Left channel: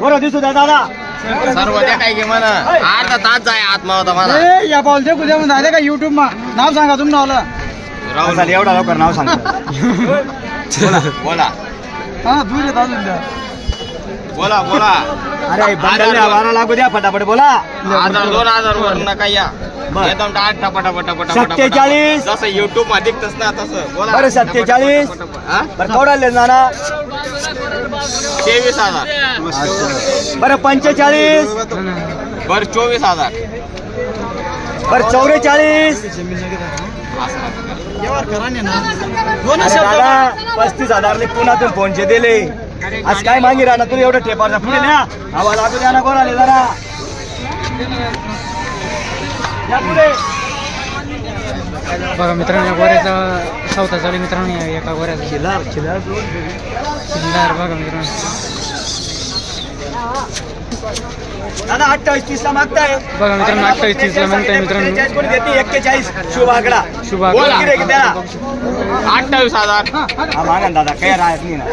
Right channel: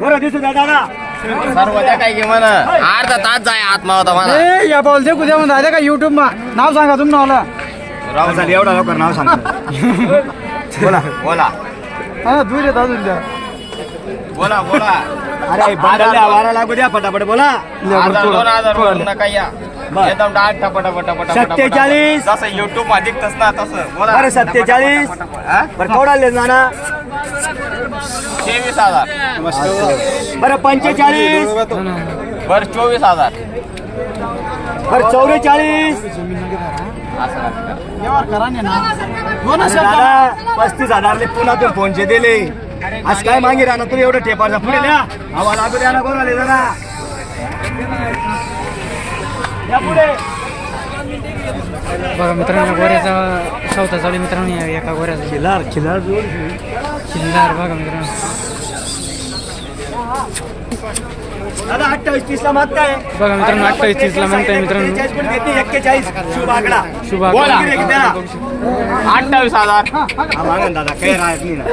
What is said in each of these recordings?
बरं दिसू द्या दादा. सर्व त्या काय घे म्हणा. अर्धा तास जाय आत्मा होता म्हणा. ए या का युट्यूब मा? नाव सांगा तुम्हाला राहुल. झाले एवढा लवकर नाव सांगतो बोला. बोला. हा दूर येत अजून द्या. बोला बोला. अरे बंडल वारा लागू द्या फटाफट बोला. दोन हजार वर नका या. बर. एकदम डाट. जसं युट्यूबमध्ये ना तसं. बोला. बरं, सत्तेचाळीस. टपा, टपा, टपा. हा? बरं केवढा आले नाना तेवीस हजार. बरं पंचेचाळीस. बर चोवीस हजार. बरं चौवेचाळीस ना. दादा पस्तीस हजारले पुण्यातून फोनचे दिले. आज काय मागे राहणार? तू एवढं टेपारचा पुढे द्या हवा लागू द्या ना कोण आले जरा. या पुढे. बघा मित्रांनो या गोऱ्याचा सौता चालू मित्रांनो या एका गोऱ्याचा. खिलार खिलार शिंदार बघा मित्रांनो. दादा अठ्ठावीस तीस ला मागताय. बघा मित्रांनो अठ्ठावीस तीसला म्हणताय मित्रांनो. एक्केचाळीस. शुभ आकडा. शुभ. अठ्ठावीस हजार. हा मागा दादा काही राहत नाही ना.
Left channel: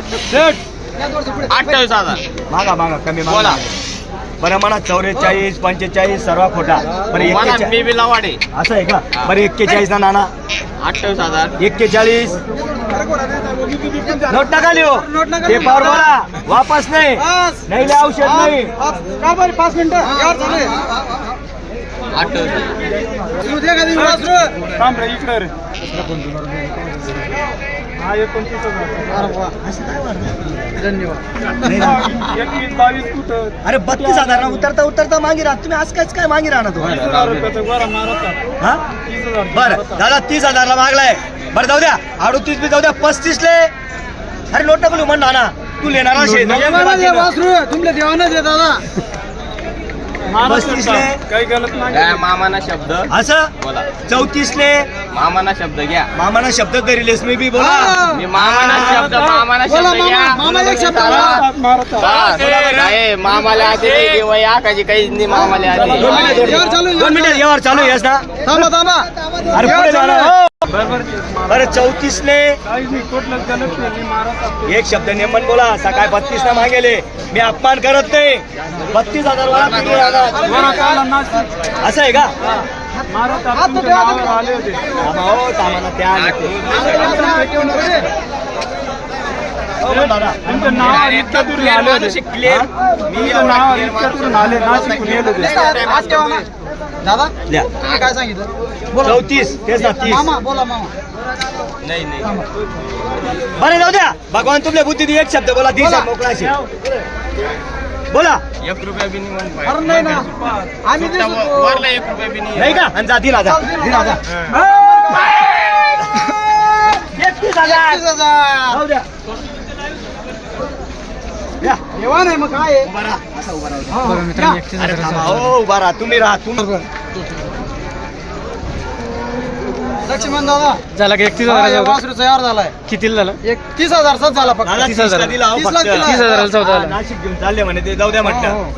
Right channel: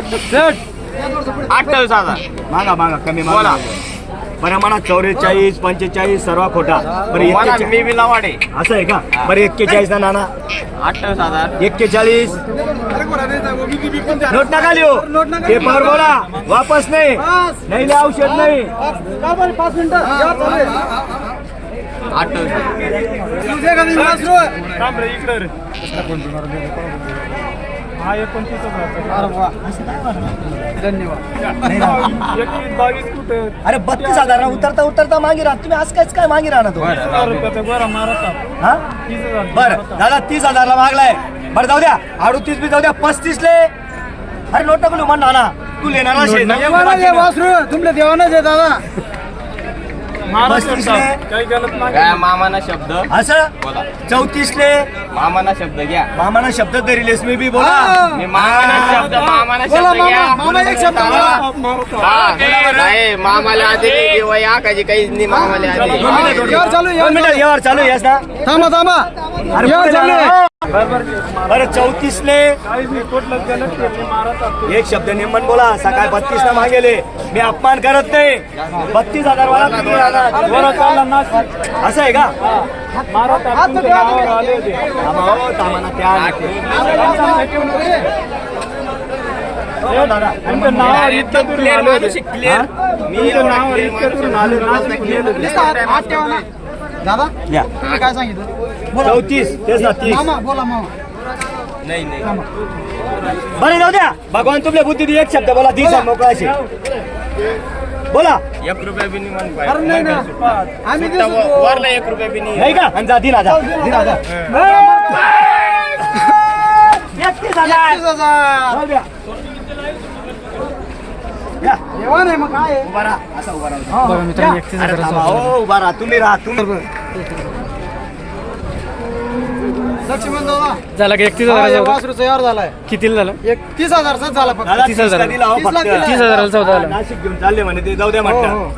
अठ्ठावीस हजार. मागा मागा कमी. मागा. बरं म्हणा चौवेचाळीस पंचेचाळीस सर्व खोटा. बरं मला मी असं आहे का? बरं एक्केचाळीस ना नाना. अठ्ठावीस हजार. एक्केचाळीस. नोट नका लिहो. पेपर बोला. वापस नाही. नाही औषध नाही. पाच मिनिटं. अठ्ठावीस अरे वा. धन्यवाद. नाही ना. अरे बत्तीस हजार ना उतरता उतरता मागे राहा. तुम्ही आज कायच काय मागे राहणार तो? बरं, राहू दे. हा? बरं दादा तीस हजारला मागलाय. बरं जाऊ द्या. अडुतीस बी जाऊ द्या. पस्तीस ले. अरे नोट नको लिहू म्हणा ना तू लेणार ना शेत. देवानं दे वासरू तुमल्या देवानं दे दादा. पस्तीस ले काय मामाना शब्द. असं? बोला. चौतीस ले मामाना शब्द घ्या. मामाना शब्द तरी लेस मी बी बोला. मी मामाना शब्द मामाना बोला शब्द घ्या. मामा, मामा एक शब्द बस. नाही मामाला आधी की वय आकाची काहीच नाही मामाला आधी. दोन मिनिटं दोन आहे, दोन मिनिटं व्यवहार चालू येस ना थांबा थांबा. अरे पुढे हो. बरं चौतीस ले एक शब्द नेमन बोला सकाळी बत्तीस ना मागेले मी अपमान करत नाही बत्तीस हजार? असं आहे का थांबा हो, थांबा ना, त्या हो, दादा. अरे, एकदम clear माणूस आहे, clear. मी एवढा clear माणूस दादा द्या. तुम्ही काय सांगितलं? बोला. चौतीस तेच ना तीस. मामा बोला मामा. नाही नाही. बरं जाऊ द्या. भगवान तुमल्या बुद्धी दे, एक शब्द बोला दिस मोकळा असेल. बोला. एक रुपया बी नाही म्हण अरे नाही ना पाहिजे. आम्ही सुट्टा देऊ व- वरला एक रुपया बी नाही. नाही का? आणि जा दिला जा. दिला जा. एकतीस हजार. एकतीस हजार. जाऊ द्या. मग काय आहे? उभा राहा असा उभा राहा हा, बघा. मित्रांनो या. एकतीस अरे हजाराचा थांबा, सौदा. उभा राहा तुम्ही राहा तुम्ही लक्ष्मण दादा झाला का एकतीस हा, या तयार झालाय कितीला झाला एक तीस हजारचाच झाला फक्त दादा, तीस हजार. तीसला दिला हो तीसला फक्त. दिला. तीस हजाराला सौदा हा, झाला नाशिक घेऊन चालले म्हणे ते जाऊ द्या हो, म्हटलं हो.